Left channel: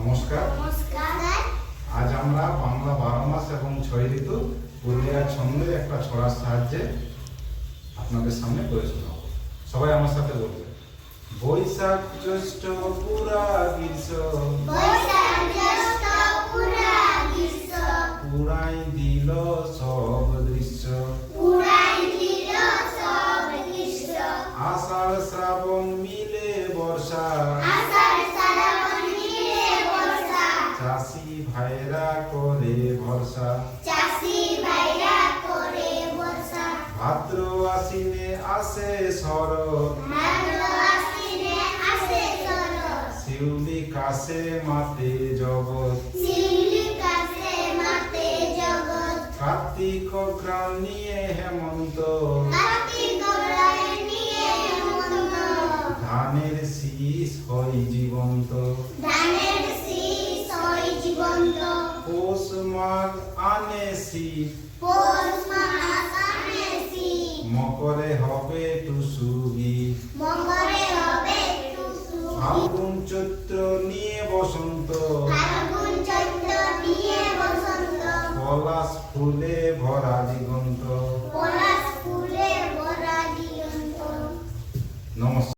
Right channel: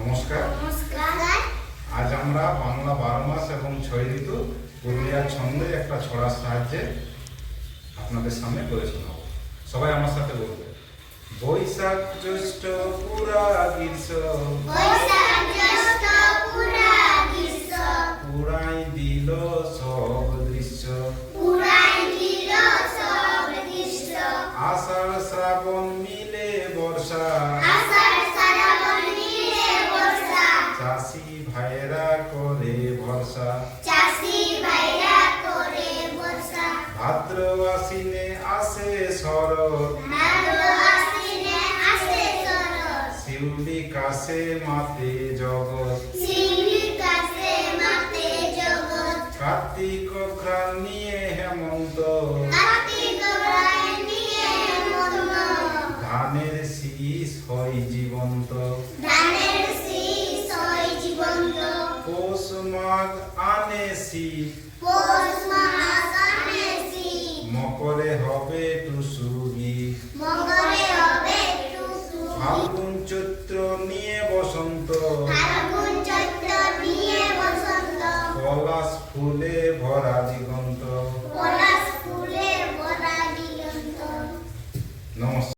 নমস্কার। আজ আমরা বাংলা 12 মাস এবং 6 ঋতু পুরুলিয়ার ছন্দে একটা ছড়ার সাহায্যে আপনাদের সামনে পড়ে শোনাব। সবাই আমার সাথে বলবে। বৈশাখ জ্যৈষ্ঠ পুরা গ্রীষ্ম, পুরাই দিল সব দৃশ্য, আষাঢ় শ্রাবণ মিলে বর্ষা, চাষি ভাইরা করে ভরসা, ভাদ্র আশ্বিনে আসে শরৎ, শিউলি কাশে মাতে জগৎ, কার্তিক ঘ্রাণ নিয়ে হেমন্ত, ধানের শীষ হয় জীবন্ত, পৌষ মাঘ আনে শীত, মকরে হবে টুসু গীত, ফাল্গুন চৈত্র নিয়ে বসন্ত, পলাশ ফুলে ভরা দিগন্ত। নমস্কার।